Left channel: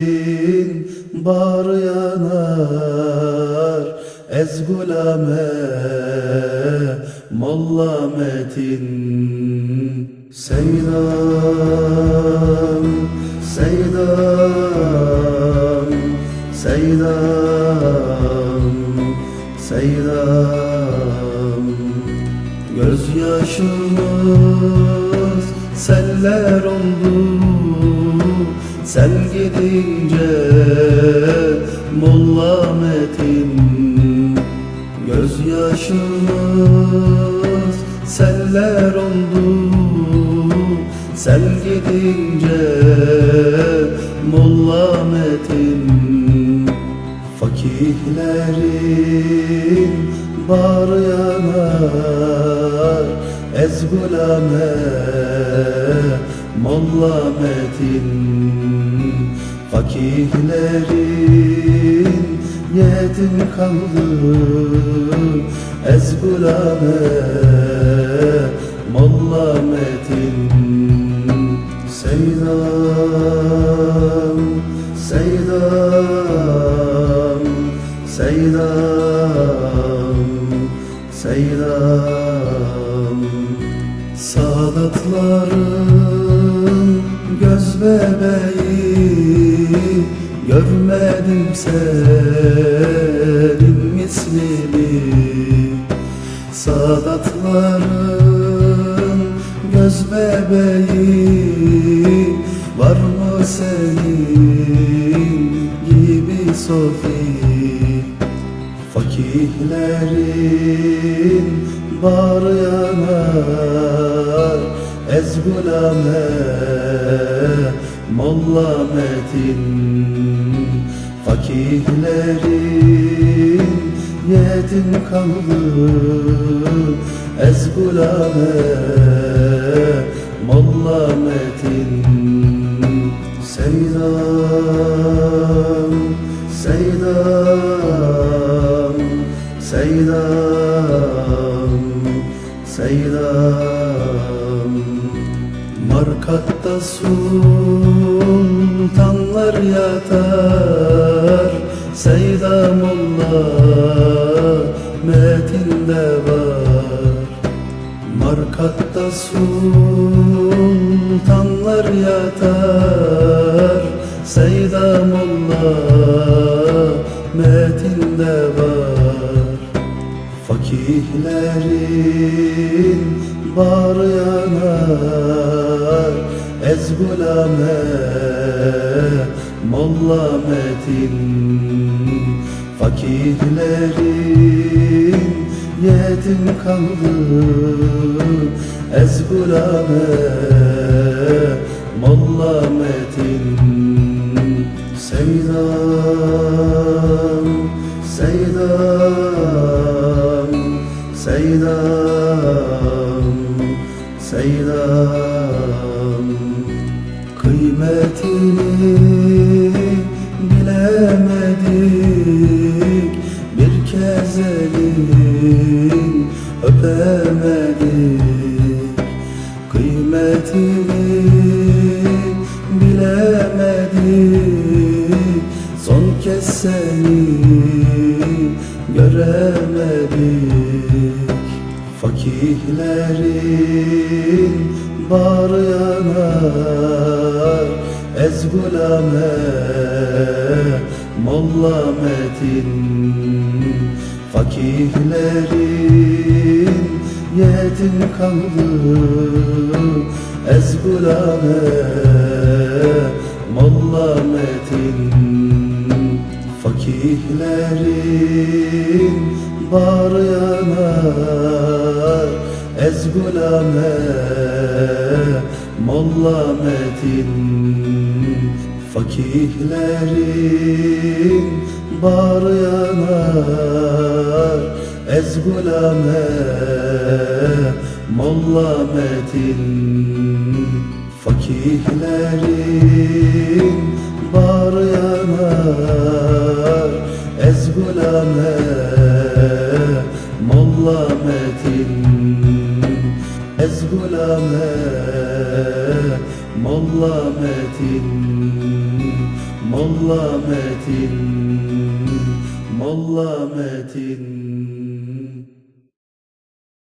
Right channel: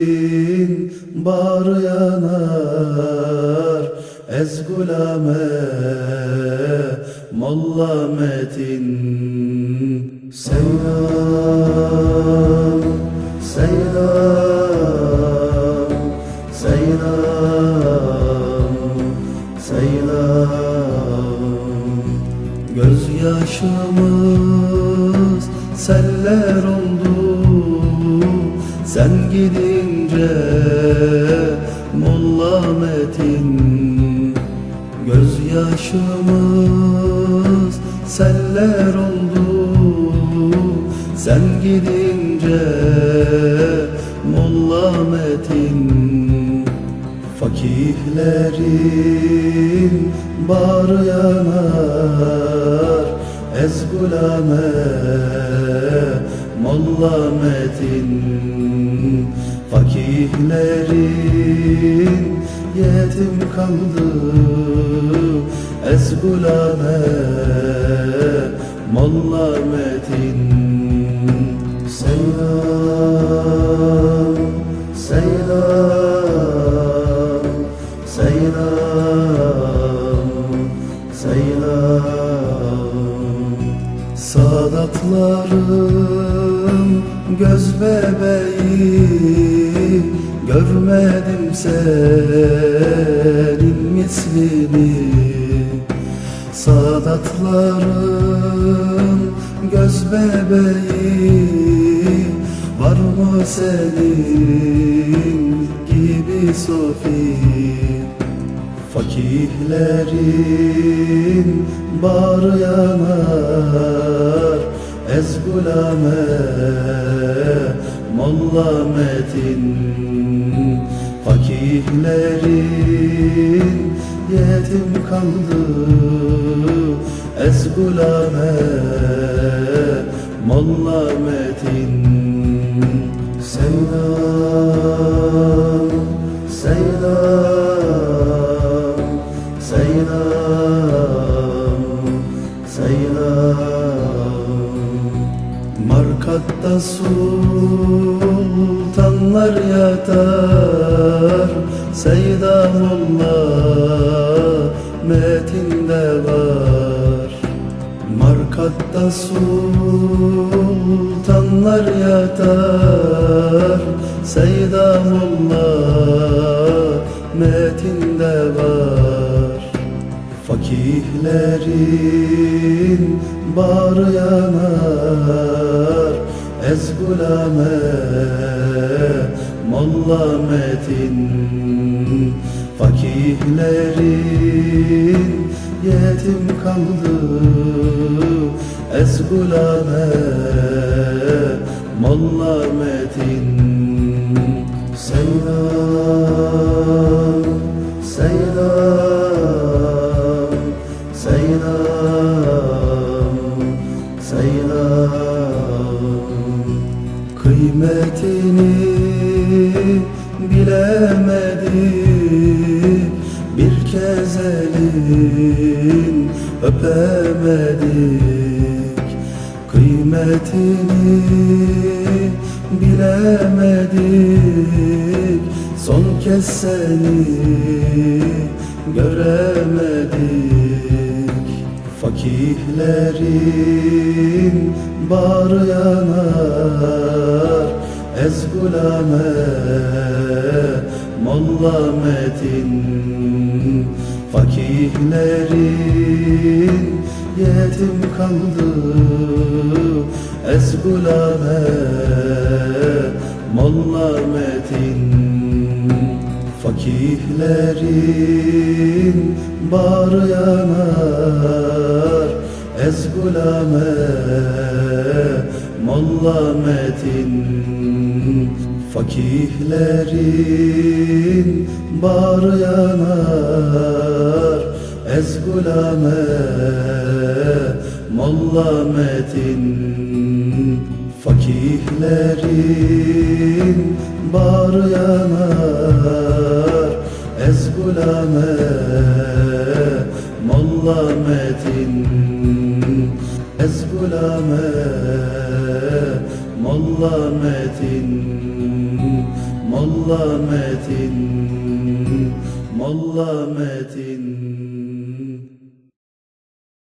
bar yanar Ez gulame Molla Metin Seydam Seydam Seydam Seydam Gözyaşımız seller oldu Sen gidince Molla Metin Gözyaşımız seller oldu. Sen gidince Molla Metin Fakihlerin bar yanar Ez gulame Molla Metin Fakihlerin yetim kaldı. Ez gulame Molla Metin Seydam Seydam Seydam Seydam Sadatların göz bebeği Görmedim senin mislini. Sadatların göz bebeği Var mı senin gibi Sofi? Fakihlerin bar yanar Ez gulame Molla Metin Fakihlerin yetim kaldı. Ez gulame Molla Metin Seydam Seydam Seydam Markatta sultanlar yatar Seydamullah metinde var. Markatta sultanlar yatar Seydamullah metinde var. Fakihlerin bar yanar Ez gulame Molla Metin Fakihlerin yetim kaldı. Ez gulame Molla Metin Seydam Seydam Seydam Seydam Kıymetini bilemedik. Bir kez elin öpemedik. Kıymetini bilemedik. Son kez seni göremedik. Fakihlerin bar yanar Ez gulame Molla Metin Fakihlerin yetim kaldı. Ez gulame Molla Metin Fakihlerin bar yanar Ez gulame Molla Metin Fakihlerin bar yanar. Ez gulame Molla Metin Fakihlerin bar yanar. Ez gulame Molla Metin Ez gulame Molla Metin Molla Metin Molla Metin